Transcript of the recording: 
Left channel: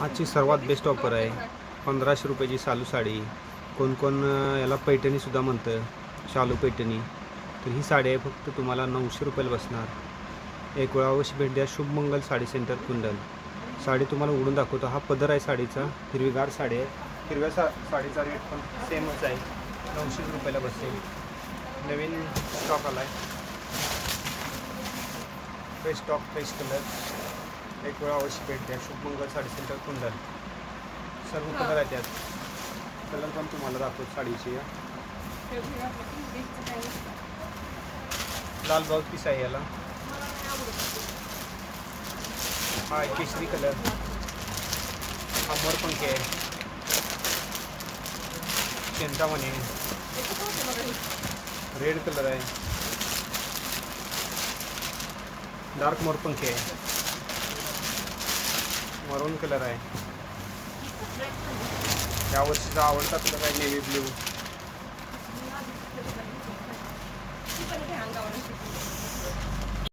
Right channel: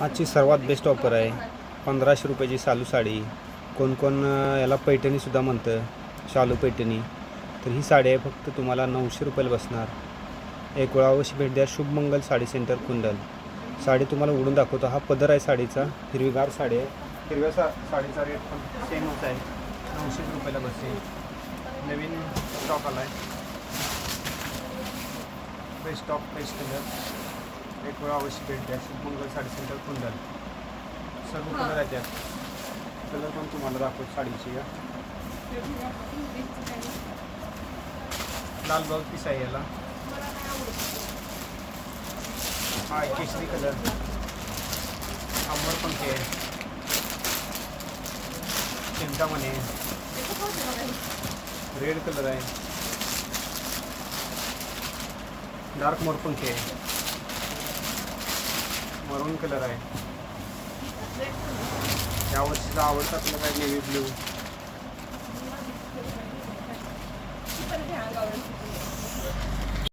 आजची सर्वात best offer आहे. पंधराशे रुपयाची शालू साडी. कोण कोण याला पैठणीसुद्धा म्हणतं शालू पैठणी. तर ही साडी आहे फक्त तुम्हाला नऊशे रुपयाला बसणार. एक वेळा अवश्य भेट द्या. शुभमंगल साडी सेंटर कुंडल. साडी तुम्हाला उडून दाखवतो. हा पदर आहे साडीचा. हिरवीगार साडी आहे. हिरव्या सा साडीचा रेट पण सेमच आहे. नऊशे रुपयाला बसते नवीन स्टॉक आला आहे बेस्ट स्टॉक बेस्ट कलर एक वेळा अवश्य भेट द्या. शुभमंगल साडी सेंटर कुंडल. सर्व कलर आहेत त्यात. कलर पण तुम्हाला दाखवतो साडीची या. लाल ब्लाऊज पीस आहे याला. हा केशरी कलर. हा मोरपंखी आहे. चिंतामणी आहे. रेड कलर आहे. डार्क मोरपंखी आहे. मरून कलर आहे. यावर्षीचा आवडता कलर आहे नेव्ही ब्ल्यू